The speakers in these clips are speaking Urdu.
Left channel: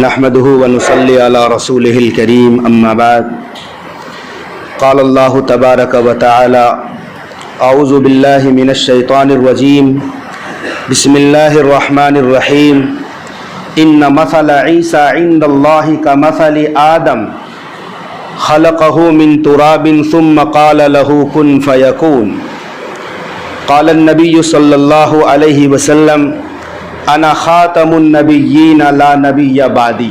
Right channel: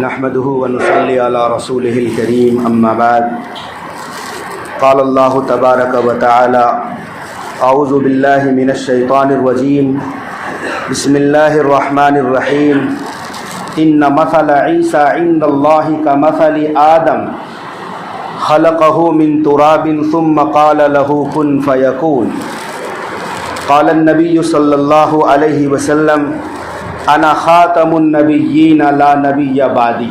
نحمده ونصلي على رسوله الكريم اما بعد قال الله تبارك وتعالى اعوذ بالله من الشيطان الرجيم بسم الله الرحمن الرحيم ان مثل عيسى عند الله كمثل آدم خلقه من تراب ثم قال له كن فيكون قال النبي صلى الله عليه وسلم انا خاتم النبیین لا نبی بعدی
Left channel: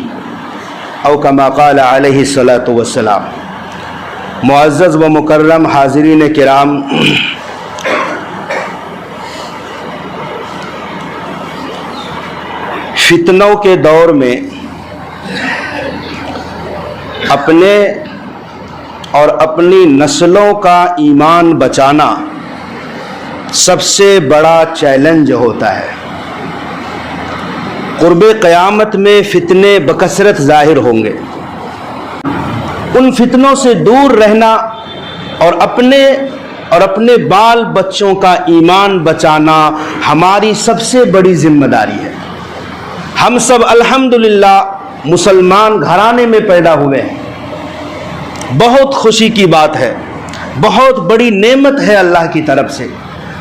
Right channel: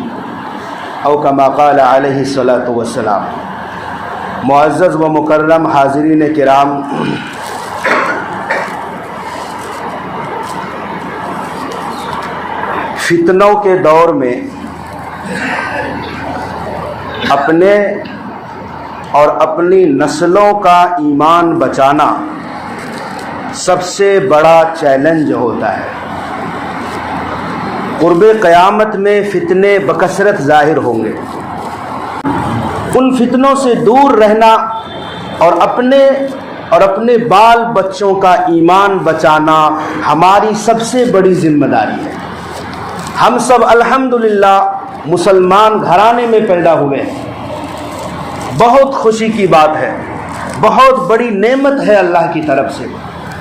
او کما قال علیہ الصلاۃ والسلام۔ معزز و مکرم حاضرین کرام، فتنوں کے دور میں اپنے اور اپنی نسلوں کا ایمان بچانا سب سے بڑا چیلنج ہوتا ہے۔ قرب قیامت میں فتنے بکثرت ظاہر ہوں گے، ان فتنوں سے دور رہنا اور اپنے بال بچوں کا ایمان بچانا ہماری سب سے بڑی ذمہ داری ہے۔ ہم سب الحمدللہ مسلمان گھرانے میں پیدا ہوئے ہیں، بہت خوشی کی بات ہے، بہت بڑی نعمت ہے اللہ کی طرف سے،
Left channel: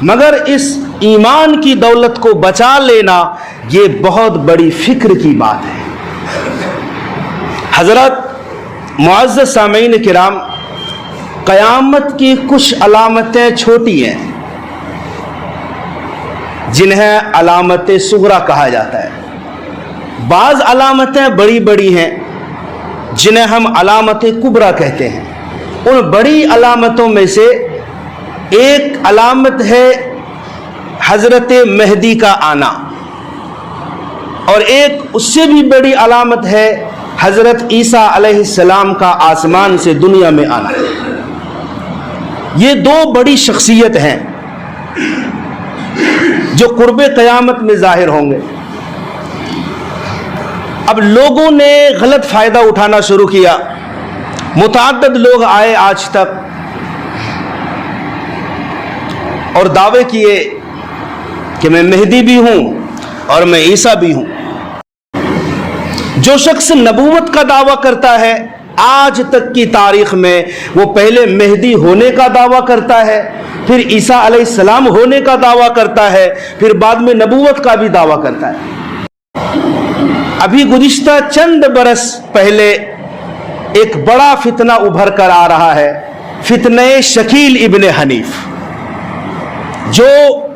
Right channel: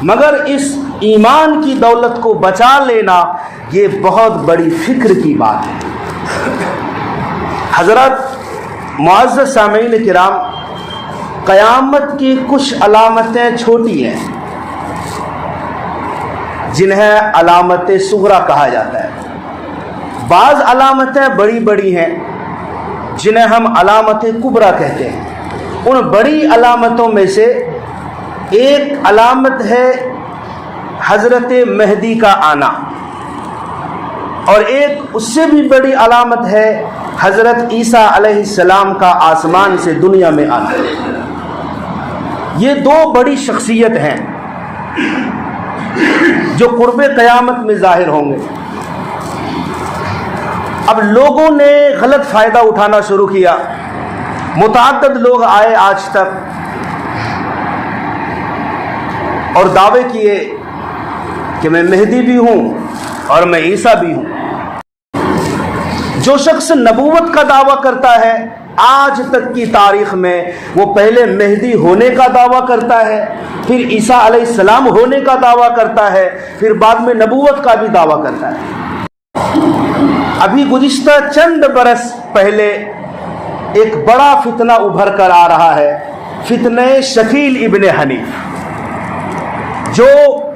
مگر اس ایمان کی دولت کو بچا لینا یہ بہت بڑی فکر کی بات ہے۔ حضرات معزز سامعین کرام، قیامت کی کچھ علامتیں چھوٹی ہیں جنہیں علامت صغریٰ کہا جاتا ہے، بعض علامتیں بڑی بڑی ہیں جنہیں ہم علامت کبریٰ کہتے ہیں۔ ان بڑی علامتوں میں سے ایک علامت ہے حضرت مہدی کا آنا، اور ایک اس سے بھی بڑی علامت ہے حضرت عیسیٰ علیہ السلام کا آسمان سے دنیا میں آنا۔ یہ دو بڑی شخصیت ہیں جو قرب قیامت میں ظاہر ہوں گے۔ اب لوگوں نے غلط فائدہ اٹھانا شروع کیا، متعدد لوگ آئے آج تک اور دعوے کیے کہ میں مہدی بھی ہوں اور میں عیسیٰ بھی ہوں۔ جو شخص نبوت کا دعویٰ کرتا ہے آج تک کی تاریخ میں، وہ پہلے مہدی ہونے کا دعویٰ کرتا ہے، پھر عیسیٰ علیہ السلام ہونے کا دعویٰ کرتا ہے، پھر بعد میں نبوت کا بھی دعویٰ کرتا ہے۔ ابھی گزشتہ چند برس پہلے ایک بڑا فتنہ ابھر کر آ رہا ہے، فتنہ شکیل ابن حنیف، جو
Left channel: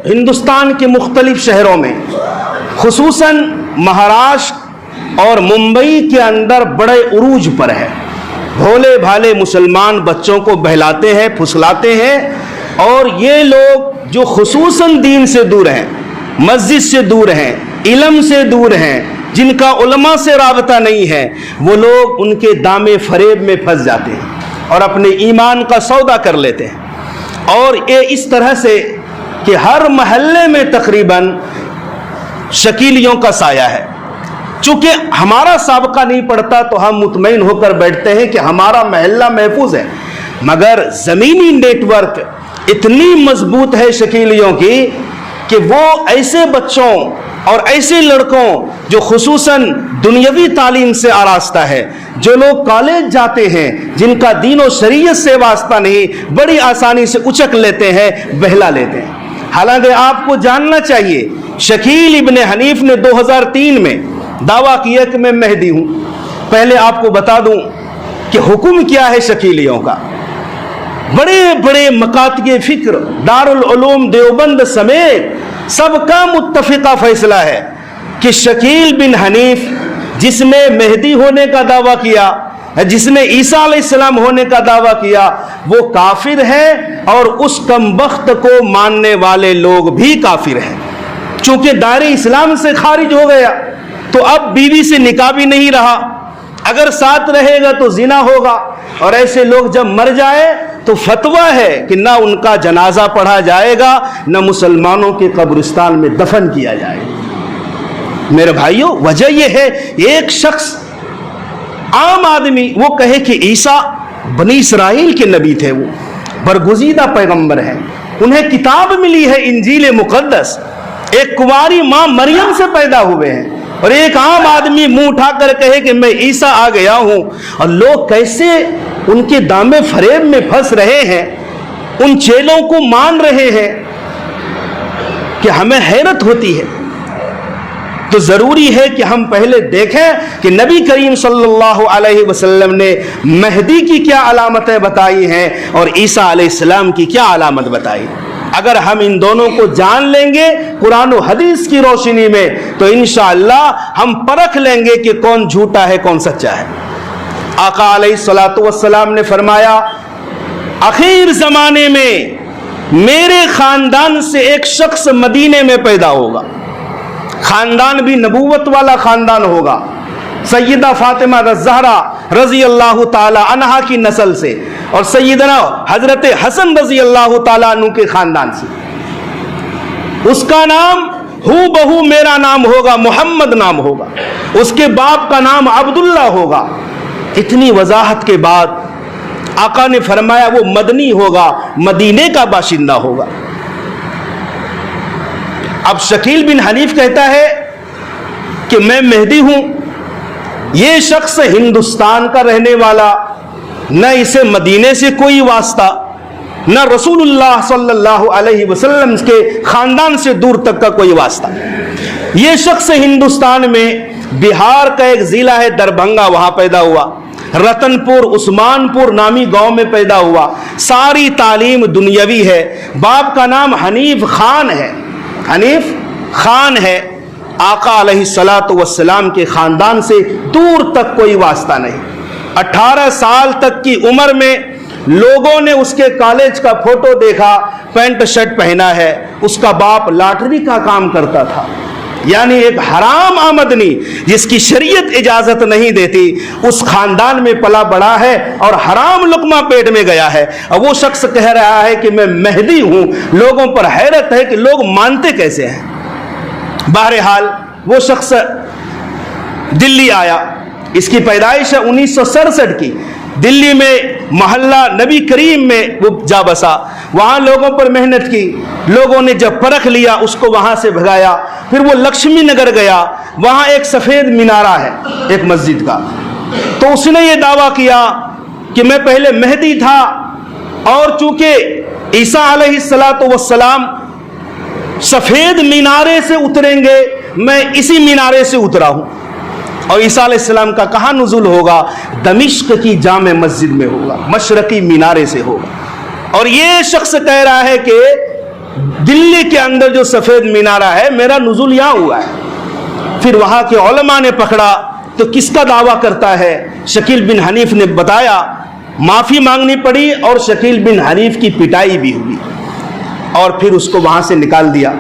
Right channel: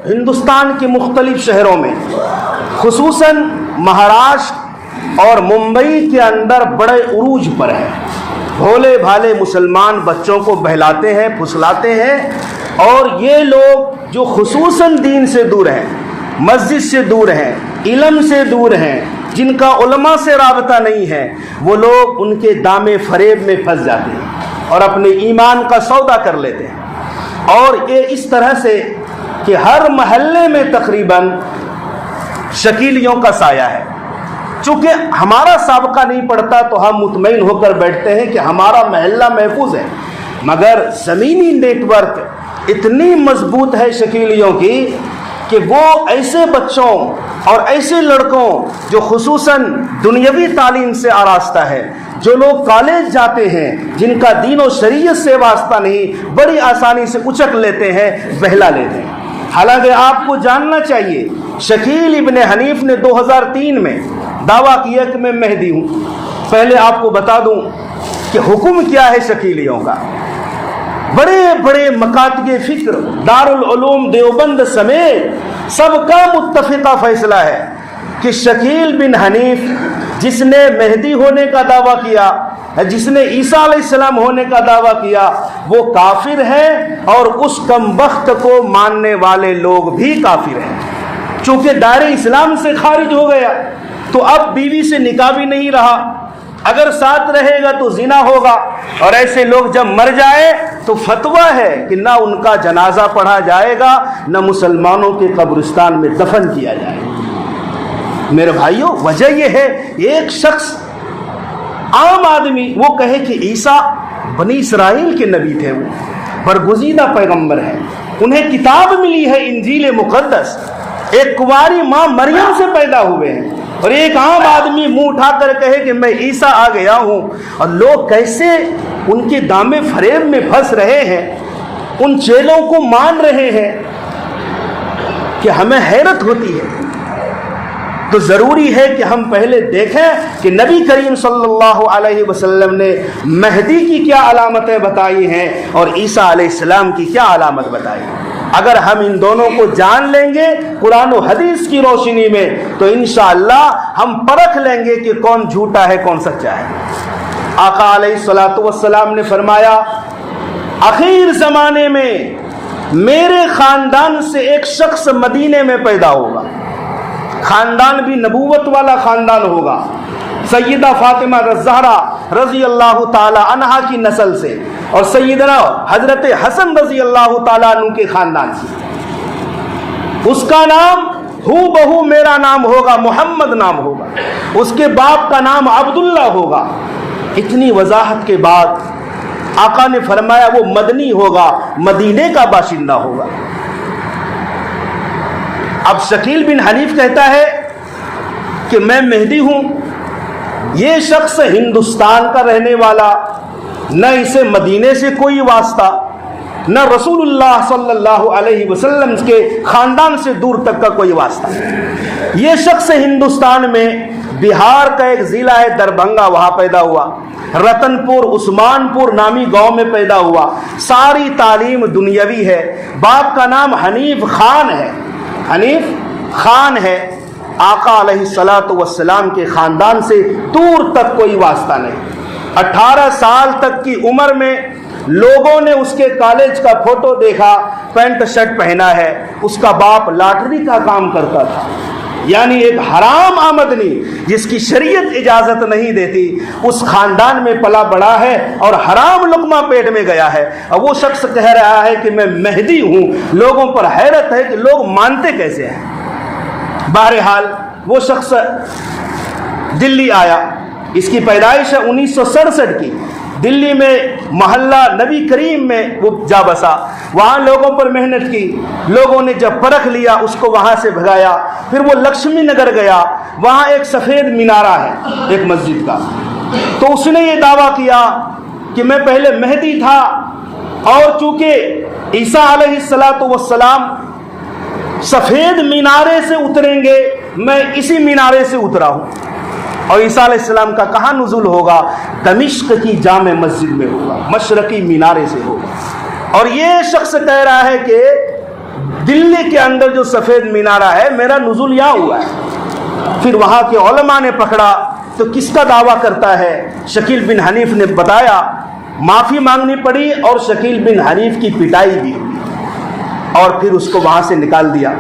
ہندوستان کے مختلف شہروں میں خصوصاً مہاراشٹر اور ممبئی کے اندر بڑے عروج پر ہے۔ بھولے بھالے مسلمان بچوں کو بہلاتے ہیں، پھسلاتے ہیں، اور یہ لوگ جو خصوصاً دین سے دور ہیں، مسجد سے دور ہیں، علم سے دور ہیں، جن کا علماء سے رابطہ نہیں ہے، وہ لوگ ان کے دام فریب میں پھنس جاتے ہیں اور اپنے ایمان کا سودا کر لیتے ہیں۔ اور یہ اس طرح سے کہ ہر محلے میں تقریباً شکیلیوں کا سایہ ہے۔ چونکہ ہمارا سابقہ نہیں پڑتا تو ہم مطمئن ہو کر بیٹھتے ہیں کہ ہمارا محلہ محفوظ ہے، مگر زمینی نیٹ ورک اتنی مضبوط ہے شکیلیوں کی کہ وہ ایسے بچوں اور ایسے لڑکوں جو خصوصاً دنیاوی تعلیم سے آراستہ ہے، جو لوگ کالج جاتے ہیں، جن کا دین و شریعت سے واسطہ نہیں، بڑی آسانی سے اچک لیتے ہیں، بہلا لیتے ہیں۔ حالانکہ آپ کو جاننا چاہیے، شکیل ابن حنیف نے 2003 میں دعویٰ کیا کہ میں مہدی ہوں۔ پہلے آپ کو بتا دوں کہ حکم کیا ہے شکیلیوں کا۔ بڑے بڑے مکاتب فکر، دارالعلوم دیوبند سمیت سب کا متفقہ فیصلہ ہے کہ شکیل بن حنیف جس نے مہدی ہونے کا دعویٰ کیا، جس نے عیسیٰ علیہ السلام ہونے کا دعویٰ کیا، وہ کافر ہے، اور اس کم بخت کو ماننے والے لوگ بھی کافر ہیں۔ چونکہ دائرہ اسلام سے خارج ہو گیا تو اب بیوی سے نکاح بھی نہیں رہا، اگر ساتھ رہے گا تو زنا ہوگا، اور ایسے لوگ جب مر جائے تو فتویٰ ہے کہ نہ ان کا جنازہ پڑھا جائے گا، نہ مسلمانوں کے قبرستان میں دفن کیا جائے گا۔ میرے بھائیوں، وجہ یہ ہے ایک شخص عام آدمی وہ کہے کہ عیسیٰ بنی اسرائیل کے نبی تھے، وہ برگزیدہ پیغمبر ہیں، انہیں کتاب ملی ہے انجیل مقدس، ایک کنواری ماں مریم سے پیدا ہوئے ہیں، اور ایک عام آدمی منہ اٹھا کر کہے کہ میں عیسیٰ آ گیا ہوں، اور لوگ کیسے ان کے دام فریب میں پھنس رہے ہیں، ان چیلوں کو مان رہے ہیں کہ ہمیں حیرت ہوتی ہے۔ تو ضروری ہے کہ ہم پہلے دیکھیں کہ نبی کریم صلی اللہ علیہ وسلم نے مہدی کی کیا علامتیں بتائی ہیں اور عیسیٰ علیہ السلام کی کیا علامت بتائی۔ اگر ہم ان دونوں کو جان لیں گے قرآن و حدیث کی روشنی میں تو انشاءاللہ ہم پرکھ لیں گے کہ کون جھوٹا ہے کون سچا ہے۔ آقا علیہ الصلوۃ والسلام نے فرمایا آخر زمانے میں میرے خاندان سے ایک شخص مدینے میں پیدا ہوگا، خاندان بھی نبوت والا خاندان ہوگا، سیدہ فاطمہ الزہرا رضی اللہ تعالی عنہا کی نسل سے اور سیدنا حضرت حسن رضی اللہ تعالیٰ عنہ کے خاندان سے۔ اس کا نام ہو بہو میرا نام ہوگا، محمد نام ہوگا، اس کے باپ کا نام عبداللہ ہوگا۔ اتنی وضاحت کے بعد آقا نے فرمایا وہ مدنی ہوگا، مدینے کا باشندہ ہوگا۔ اب شکیل بن حنیف کہتا ہے کہ میں مہدی ہوں، یہ شخص ہندوستان کا رہنے والا، نہ اسے مدینے سے کوئی واسطہ، نہ رسول اللہ صلی اللہ علیہ وسلم کے خاندان سے دور تک کا کوئی واسطہ۔ یہ شخص ہندوستان میں بہار کا ایک ضلع ہے دربھنگا، وہاں پیدا ہوا، رتن پور عثمان پور نامی گاؤں میں پیدا ہوا، ساری تعلیم دنیاوی ہے، باپ کا نام حنیف خان ہے، حنیف خان ہے۔ آقا علیہ الصلوۃ والسلام کے خاندان سے دور تک کوئی واسطہ نہیں۔ 18 سال تک کی عمر میں لوگوں نے اس کے کالج کا فوٹو دیکھا، پینٹ شرٹ پہنا ہے، اس کا باپ لاٹری کا کام کرتا تھا، یعنی ایک حرام آمدنی جس کی شریعت اجازت نہیں دیتی، اس خاندان میں پلا بڑا ہے اور حرام لقمہ پیٹ میں گیا ہے۔ اور وہ شخص کہہ رہا ہے کہ میں مہدی ہوں، لوگوں پر حیرت ہے کہ لوگ مانتے کیسے ہیں۔ بہرحال وہ شخص دلی آیا، اس کی پیدائش ہے 1967 کی، دلی میں محلہ نبی کریم میں وہ جا بسا، وہاں لوگوں پر محنت کی، لوگوں نے جب پرکھ لیا اس کو وہاں سے بھگایا، پھر وہ لکشمی نگر گیا، وہاں ایک سفید مینارہ ہے ایک مسجد کا، تو اس نے یہ دعویٰ کیا کہ میں پہلے مہدی تھا، اور چونکہ عیسیٰ علیہ الصلوۃ والسلام سفید مینارے سے اتریں گے، میں اسی مینارے سے اترا ہوں، اور عیسیٰ علیہ السلام کا کہاں نزول ہوگا؟ دمشق کی جامع مسجد میں ہوگا، مشرقی مینارے سے ہوگا۔ اور یہ شخص کہہ رہا ہے کہ دلی کے اندر جو سفید مینارہ ہے میرا نزول یہاں ہوا ہے۔ پھر وہاں کے علماء نے پکڑا تو کس کا دعویٰ کرتا ہے؟ شکیل بن حنیف نے بتایا، معافی مانگنی پڑی اور شکیل بن حنیف کی پٹائی بھی ہوئی، اور پھر اس کو وہاں سے نکال دیا،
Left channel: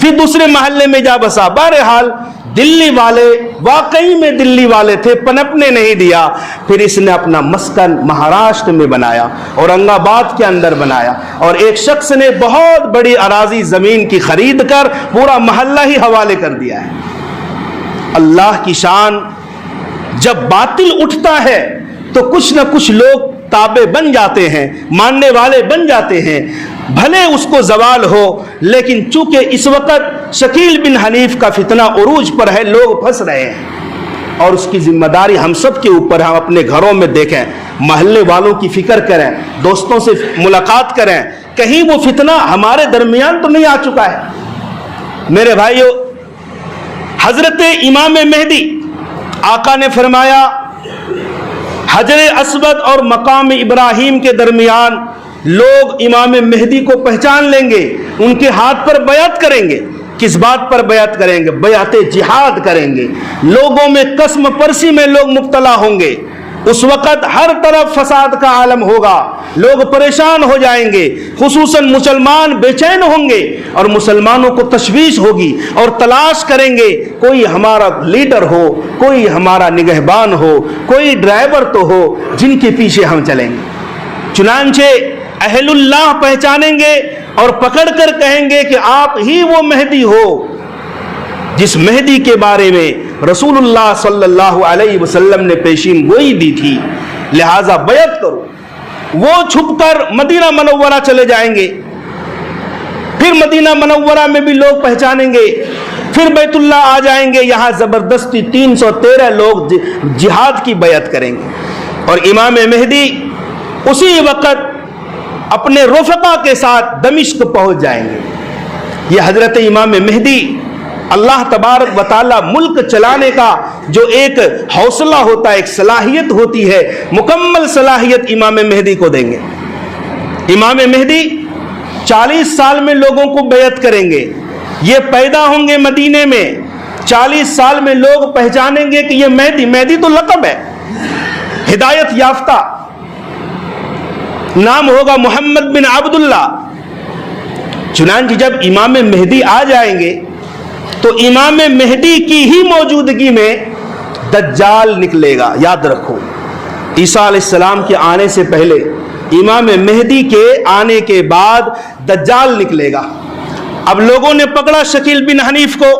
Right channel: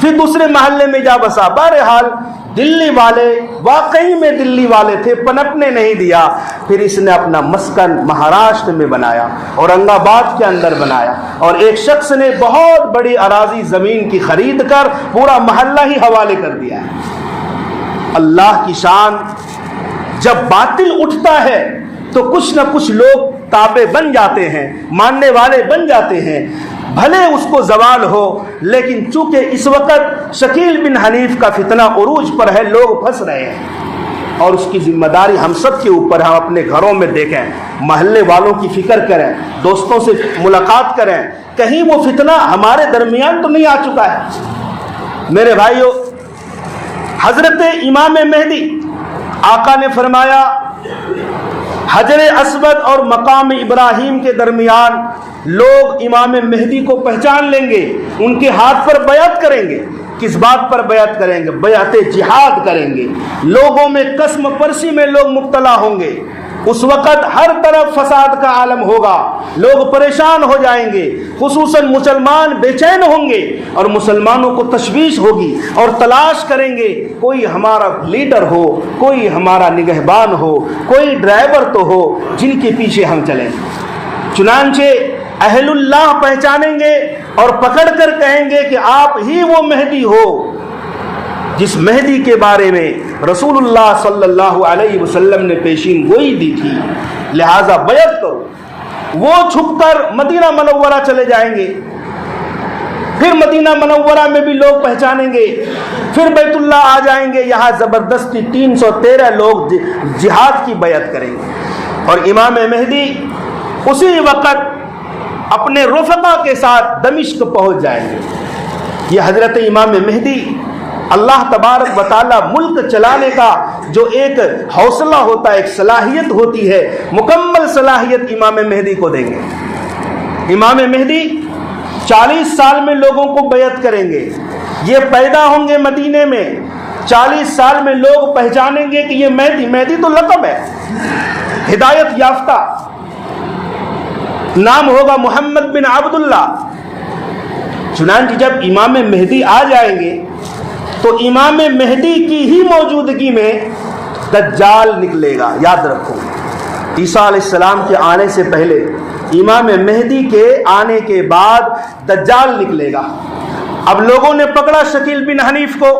پھر دوسرے محلے میں جا بسا۔ بہرحال دلی والے واقعی میں دلی والے تھے، پنپنے نہیں دیا، پھر اس نے اپنا مسکن مہاراشٹر میں بنایا، اورنگ آباد کے اندر بنایا، اور ایک شخص نے بہت بڑی اراضی زمین کی خرید کر پورا محلہ ہی حوالے کر دیا ہے۔ اللہ کی شان، جب باطل اٹھتا ہے تو کچھ نہ کچھ لوگ تابع بن جاتے ہیں، ماننے والے بن جاتے ہیں، بھلے اس کو زوال ہو، لیکن چونکہ اس وقت شکیل بن حنیف کا فتنہ عروج پر ہے، لوگ پھنس رہے ہیں، اور اس کی ذمہ داری ہم سب کے اوپر ہے۔ ہم اپنے گھروں میں دیکھیں، محلے والوں کی فکر کریں، دوستوں سے ملاقات کریں، کہیں وہ فتنہ ہمارے درمیان تو نہیں آ چکا ہے۔ میرے بھائیو، حضرت امام مہدی، آقا نے فرمایا حجر اسود اور مقام ابراہیم کے درمیان لوگ امام مہدی کو پہچان لیں گے، ان کے ہاتھ پر بیعت کریں گے۔ کس بات پر بیعت کریں گے؟ بیعت جہاد کریں گے۔ لوگوں میں قسم پرسی میں لوگ مبتلا ہوں گے، اس وقت ہر طرف فساد کا عالم ہوگا، لوگ پریشان ہو جائیں گے، خصوصاً مسلمان بے چین ہوں گے، اور مسلمانوں کو تشویش ہوگی اور تلاش کریں گے کوئی ہمارا لیڈر ہو، کوئی ہمارا نگہبان ہو، کوئی ڈرائیور تو ہو جن کے پیچھے ہم چلیں گے۔ چنانچہ اہل اللہ پہچانیں گے اور پکڑ کر کہیں گے کہ آپ ہی وہ مہدی ہو جس مہدی کے بارے میں رسول اللہ صلی اللہ علیہ وسلم نے پیشین گوئی دی تھی، لہذا بیعت کرو۔ وہ چھپ کر مدینہ منورہ چلے جائیں گے، پھر مدینہ منورہ میں بھی لوگ پہچانیں گے، پھر بیت اللہ آ جائیں گے, یہاں زبردستی 313 لوگ جہاد کی بیعت کریں گے, اور امام مہدی اسی وقت اپنے رفقا کے ساتھ دمشق پہنچ جائیں گے. یہ حضرت امام مہدی اللہ تبارک و تعالی ملک چلانے کا جو ایک حوصلہ ہوتا ہے, ایک صلاحیت ہوتی ہے, مکمل صلاحیت امام مہدی کو دیں گے. امام مہدی 40 سال میں لوگوں کو بیعت کریں گے. یہ پیدا ہوں گے مدینے میں, 40 سال میں لوگ پہچانیں گے کہ یہ مہدی, مہدی تو لقب ہے, ہدایت یافتہ, نام ہوگا محمد بن عبداللہ. چنانچہ جب امام مہدی آ جائیں گے تو امام مہدی کی ہی موجودگی میں دجال نکلے گا. یاد رکھو, عیسیٰ علیہ السلام کے آنے سے پہلے, امام مہدی کے آنے کے بعد دجال نکلے گا. اب لوگوں نے پکڑا شکیل بن حنیف کو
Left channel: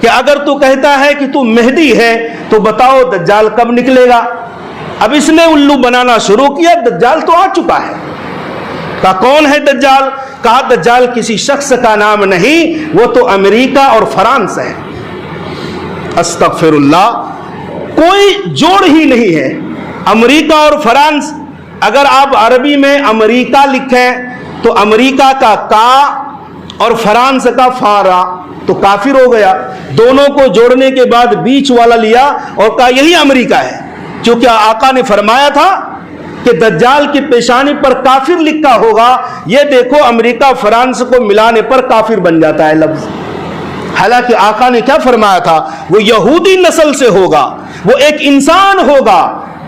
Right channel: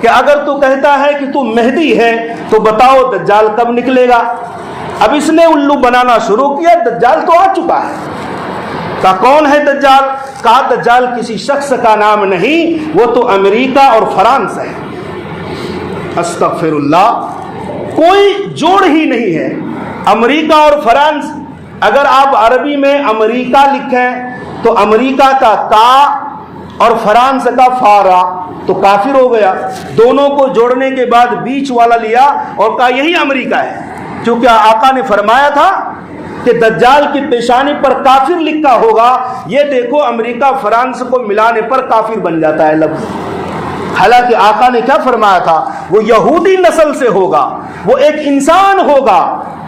کہ اگر تو کہتا ہے کہ تو مہدی ہے تو بتاؤ دجال کب نکلے گا. اب اس نے الو بنانا شروع کیا, دجال تو آ چکا ہے. کہا کون ہے دجال؟ کہا دجال کسی شخص کا نام نہیں, وہ تو امریکہ اور فرانس ہے. استغفر اللہ, کوئی جوڑ ہی نہیں ہے امریکہ اور فرانس. اگر آپ عربی میں امریکہ لکھیں تو امریکہ کا کا اور فرانس کا فارا تو کافر ہو گیا. دونوں کو جوڑنے کے بعد بیچ والا لیا اور کہا یہی امریکہ ہے, کیونکہ آقا نے فرمایا تھا کہ دجال کی پیشانی پر کافر لکھا ہوگا. یہ دیکھو امریکہ فرانس کو ملانے پر کافر بن جاتا ہے لفظ. حالانکہ آقا نے کیا فرمایا تھا؟ وہ یہودی نسل سے ہوگا, وہ ایک انسان ہوگا,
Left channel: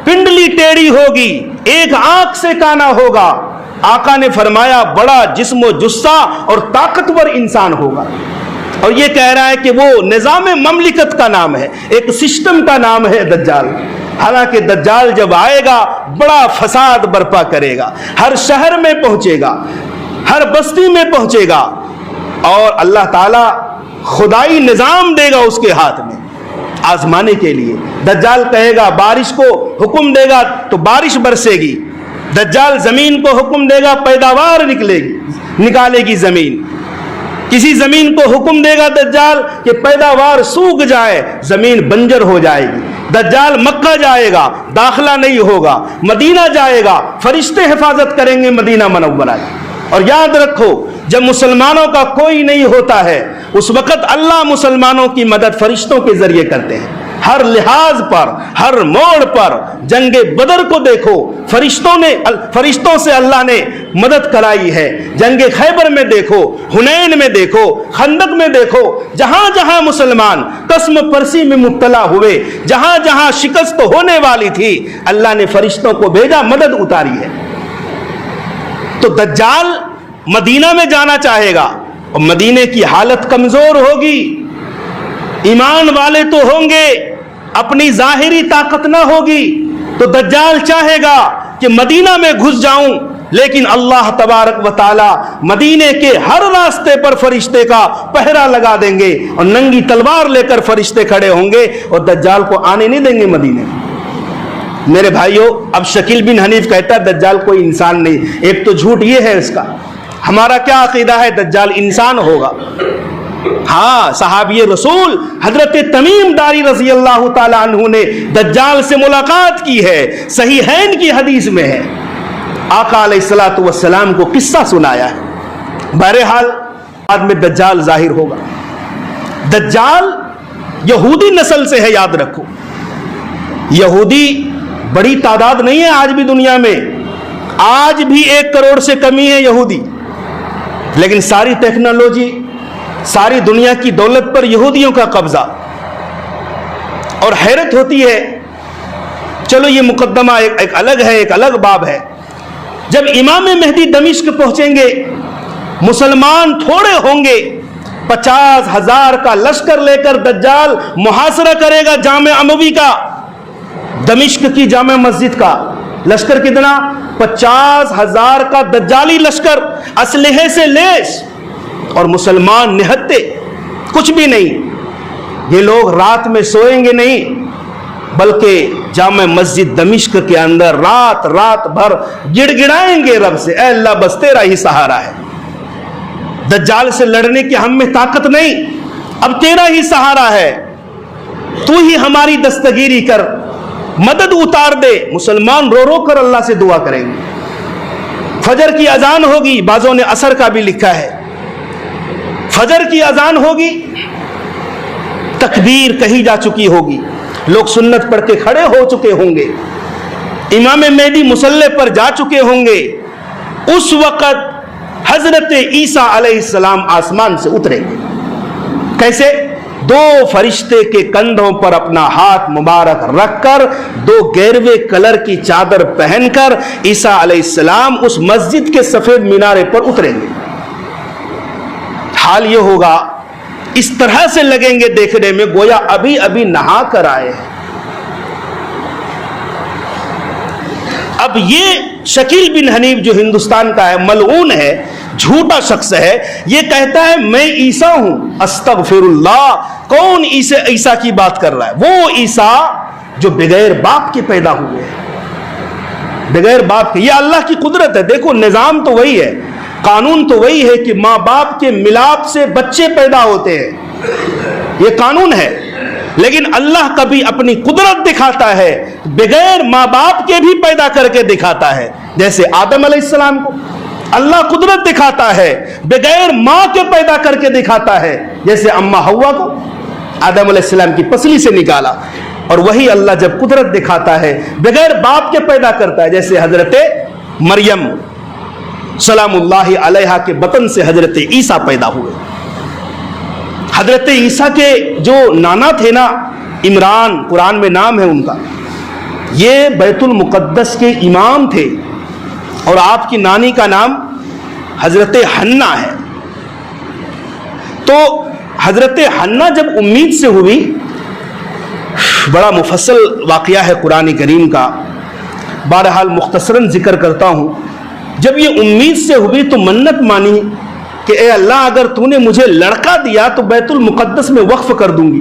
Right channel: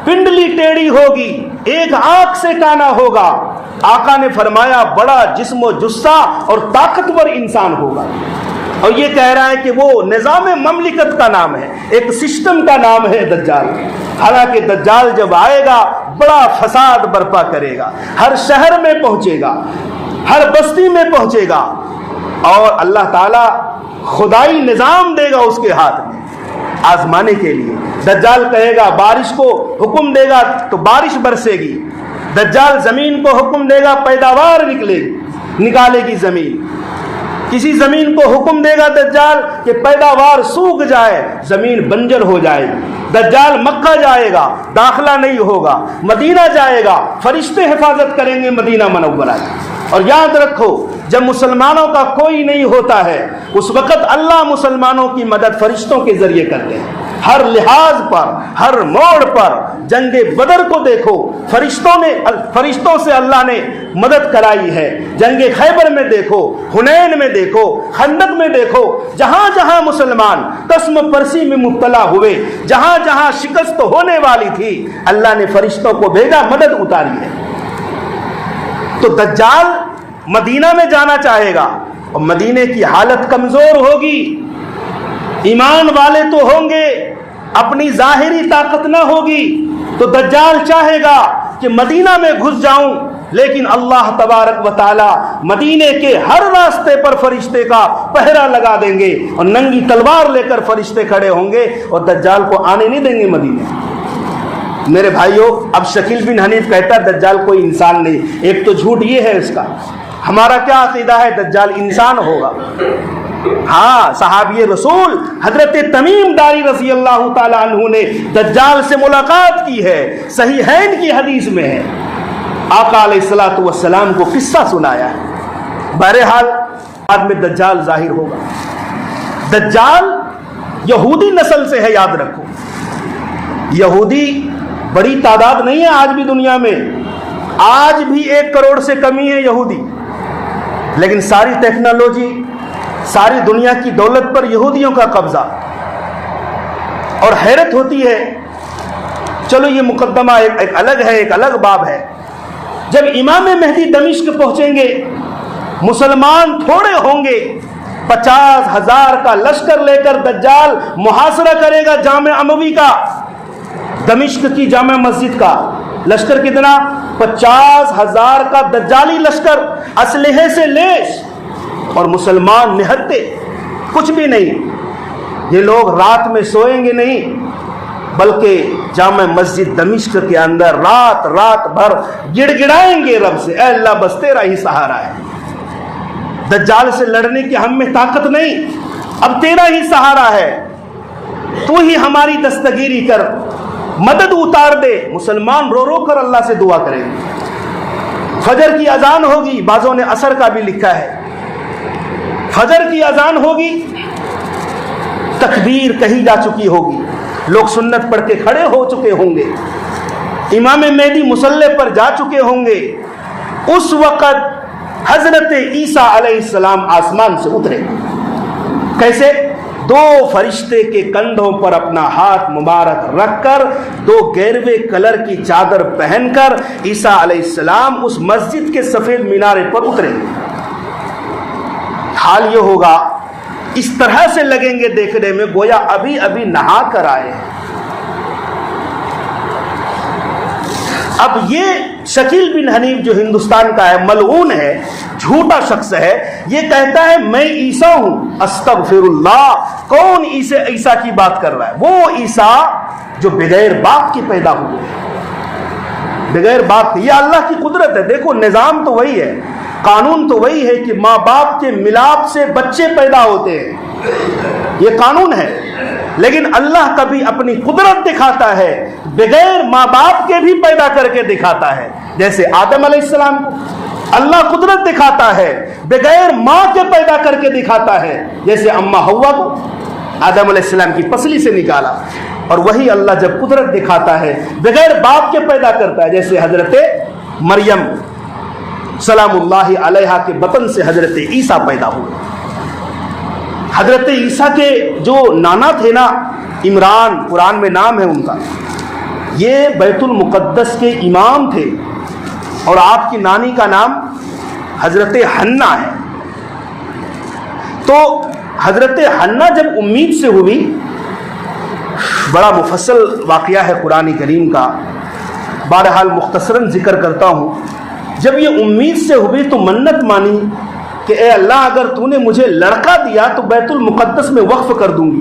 پنڈلی ٹیڑھی ہوگی, ایک آنکھ سے کانا ہوگا. آقا نے فرمایا بڑا جسم و جثہ اور طاقتور انسان ہوگا. اور یہ کہہ رہا ہے کہ وہ نظام مملکت کا نام ہے, ایک سسٹم کا نام ہے دجال. حالانکہ دجال جب آئے گا بڑا فساد برپا کرے گا, ہر شہر میں پہنچے گا, ہر بستی میں پہنچے گا, اور اللہ تعالیٰ خدائی نظام دے گا اس کے ہاتھ میں آزمانے کے لیے. دجال کہے گا بارش کو حکم دے گا تو بارش برسے گی. دجال زمین کو حکم دے گا پیداوار نکالے گی زمین. کسی زمین کو حکم دے گا دجال کہ پیداوار سوکھ جائے, زمین بنجر ہو جائے گی. دجال مکہ جائے گا, داخلہ نہیں ہوگا, مدینہ جائے گا, فرشتے حفاظت کریں گے مدینہ منورہ. اور یاد رکھو جب مسلمانوں کا کوئی نہیں ہوتا ہے اس وقت اللہ مسلمانوں کی مدد فرشتوں کے ذریعے کرتے ہیں. ہر لحاظ پر, ہر موڑ پر, جنگ بدر کو دیکھو فرشتوں سے اللہ نے مدد کرائی ہے. جنگ خیبر میں دیکھو, حنین میں دیکھو, خندق میں دیکھو, جہاں جہاں مسلمان قسم پرسی میں مبتلا ہوئے, جہاں جہاں شکست ہونے والی تھی, اللہ نے فرشتوں کو بھیجا, مدد اتاری ہے. تو دجال مدینہ میں جانا چاہے گا اور مدینے کی حالت کمزور ہوگی. ایمان والے تو ہوں گے, اپنی ظاہری طاقت نہ ہوگی. تو دجال چاہے گا کہ مدینہ میں گھس جاؤں, لیکن اللہ تبارک و تعالی مدینے کے ہر راستے پر فرشتے کا پہرا لگا دیں گے اور ننگی تلوار لے کر فرشتے کھڑے ہوں گے اور دجال کو آنے نہیں دیں گے مدینے. میرے بھائیوں, اب شکیل بن حنیف کہتا ہے دجال کوئی انسان نہیں. ایک تو جھوٹ یہ ہے اس کا, ہمارا کیا عقیدہ ہے دجال انسان ہوگا. ہاں, صحابی رسول حضرت تمیم داری رضی اللہ تعالی عنہ نے دجال سے ملاقات کی ہے, صحیحین کی حدیث میں ہے. آقا علیہ الصلوۃ والسلام کو قصہ سنایا ہے. بہرحال بعد میں دجال ظاہر ہوگا. دجال یہودی نسل سے ہے, یاد رکھو. یہودی بڑی تعداد نہیں ہے آج بھی دنیا میں, آج بھی 1 کروڑ سے کمی ہے یہودی, لیکن ساری ٹیکنالوجی, ساری دنیا کی دولت پر یہودیوں کا قبضہ. اور حیرت ہوتی ہے, چلو یہ مقدمہ ایک الگ ہے, ایک الگ باب ہے. جب امام مہدی دمشق پہنچیں گے, مسلمان تھوڑے ہوں گے, 50,000 کا لشکر لے کر دجال محاصرہ کرے گا جامع اموی کا, دمشق کی جامع مسجد کا. لشکر کتنا؟ 50,000 کا دجالی لشکر, اسلحے سے لیس, اور مسلمان نہتے, کچھ بھی نہیں. یہ لوگ رات میں سوئیں گے نہیں, بلکہ جامع مسجد دمشق کے اندر رات بھر گڑ گڑائیں گے رب سے, اے اللہ بس تیرا ہی سہارا ہے. دجال سے لڑنے کی ہم میں طاقت نہیں, اب تیرا ہی سہارا ہے، تو ہی ہماری دستگیری کر، مدد اتار دے۔ مسلمان رو رو کر اللہ سے دعا کریں گے۔ فجر کی اذان ہوگی، بعضوں نے عصر کا بھی لکھا ہے، فجر کی اذان ہوگی، تکبیر کہی جا چکی ہوگی، لوگ سنت پڑھ کے کھڑے ہو چکے ہوں گے، امام مہدی مصلی پر جا چکے ہوں گے۔ اس وقت حضرت عیسیٰ علیہ السلام آسمان سے اترے گے۔ کیسے؟ دو فرشتے کے کندھوں پر اپنا ہاتھ مبارک رکھ کر، دو گیروے کلر کی چادر پہن کر عیسیٰ علیہ السلام اس مسجد کے سفید مینارے پر اتریں گے۔ حال یہ ہوگا، اس طرح سے لگیں گے دیکھنے میں گویا ابھی ابھی نہا کر آئے ہیں۔ اب یہ شکیل بن حنیف جو ہندوستان کا ہے، ملعون ہے، جھوٹا شخص ہے، یہ کہتا ہے میں عیسیٰ ہوں۔ استغفر اللہ، کون عیسیٰ کی بات کر رہا ہے؟ وہ عیسیٰ جو بغیر باپ کے پیدا ہوئے ہیں، بغیر باپ کے۔ یہ اللہ کی قدرت ہے۔ دیکھو نظام تو وہی ہے، قانون تو وہی ہے کہ ماں باپ کے ملاپ سے بچے پیدا ہوتے ہیں، یہ قانون ہے۔ لیکن اللہ کبھی اپنی قدرت دکھاتا ہے، بغیر ماں باپ کے بھی پیدا کر کے دکھاتا ہے۔ جیسے آدم علیہ السلام کو اللہ قدرت دکھاتا ہے، بغیر ماں کے پیدا کر کے دکھاتا ہے۔ جیسے اماں حوا کو آدم علیہ السلام کی پسلی سے نکالا، اور وہی اللہ جب قدرت دکھاتا ہے بغیر باپ کے پیدا کرتا ہے۔ جیسے حضرت مریم سلام اللہ علیہا کے بطن سے حضرت عیسیٰ پیدا ہوئے۔ حضرت عیسیٰ کے جو نانا تھے نا، عمران، قرآن میں نام ہے ان کا، یہ بیت المقدس کے امام تھے، اور آپ کی نانی کا نام حضرت حنہ ہے۔ تو حضرت حنہ جب امید سے ہوئی، بڑا مفصل واقعہ ہے قرآن کریم کا، بہرحال مختصراً ذکر کرتا ہوں۔ جب یہ امید سے ہوئی تو منت مانی کہ اے اللہ اگر تو نے مجھے لڑکا دیا تو بیت المقدس میں وقف کر دوں گی۔